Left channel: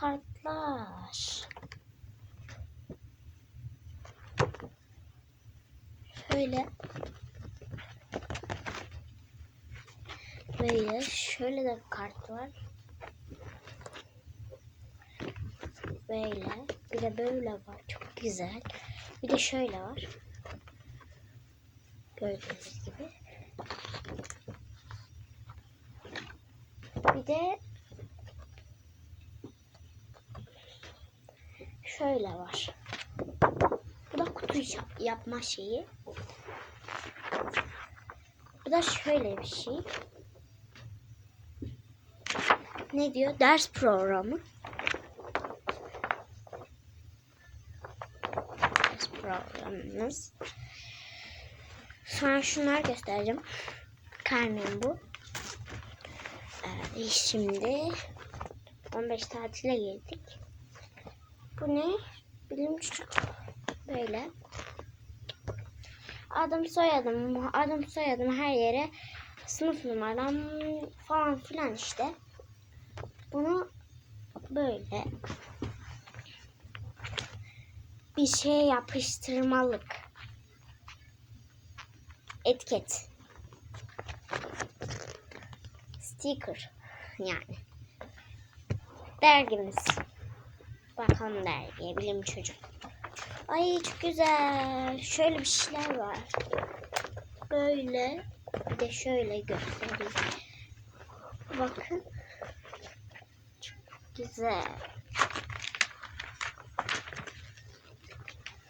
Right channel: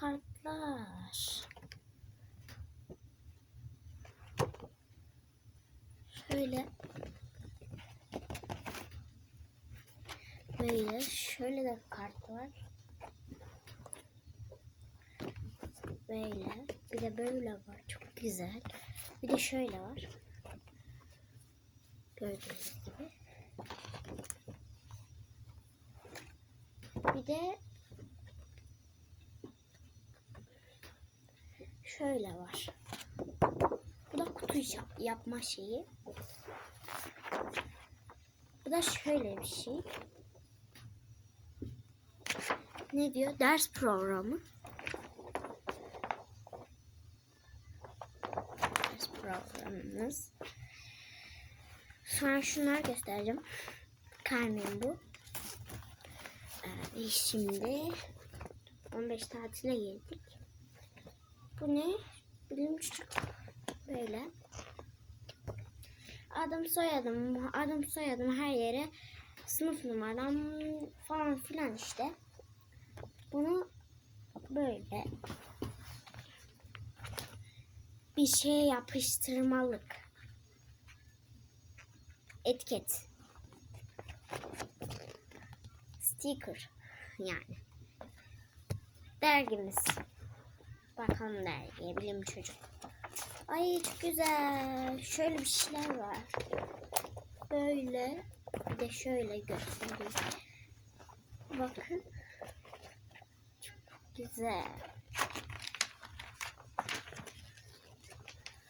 kartlar. Şöyle. Böyle şöyle de kart var. Böyle. Bir de böyle var. Çok güzel. Bir de şöyle var. Gördüğünüz gibi. Bir de şöyle var. Bu da kutu yap- yapma şeyi. Bu da şöyle bir şey. Ne diyor? Ders programı. Ders programımız. Sonra şunları göstereceğim. Karnem bu. Ee, şimdi 15 tatile girdik. Bu ne? Bilim. Böyle. Adım soyadım, adım soyadım her yere sınıf numaram falan filan işte. Bunu böyle bir şey yapıştırmalık etiket sticker yani dergimiz bakalım dergiye bilim çocuk. Ay çok güzel. Şöyle bir şeyler var. Böyle bir de şöyle göstereyim. Bakın. Çok güzel.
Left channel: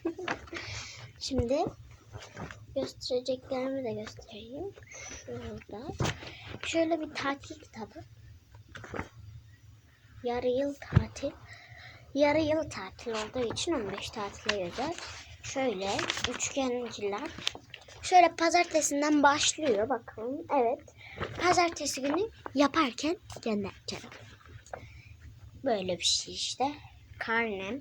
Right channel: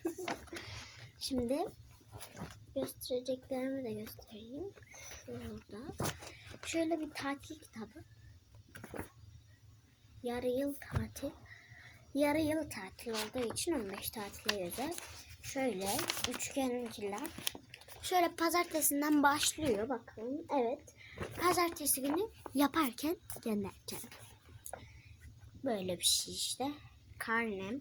Şimdi göstereceklerimi de göstereyim. Şurada. Şöyle bir tatil kitabı. Yarı yıl tatil yarı yıl tatil olduğu için 15 tatile özel. Şöyle üçgenciler. Şöyle pazartesinden başlıyor bakalım evet. Pazartesi günü yaparken göndereceğim. Böyle bir şey işte. Karnem.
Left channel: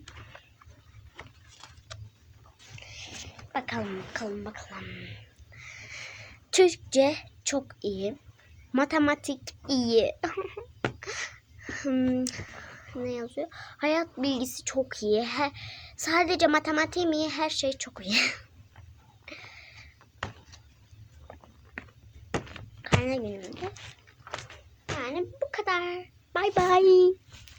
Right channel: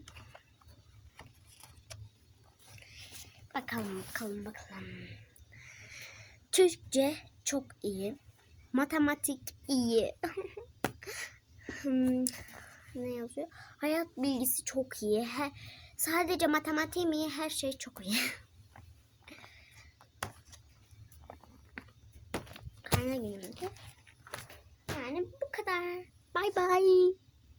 Bakalım bakalım bakalım. Türkçe çok iyi. Matematik iyi. Hmm, ne yazıyor? Hayat bilgisi çok iyi. He, sadece matematiğim iyi, her şey çok iyi. Karne gününde. Yani bu kadar. Bay bay.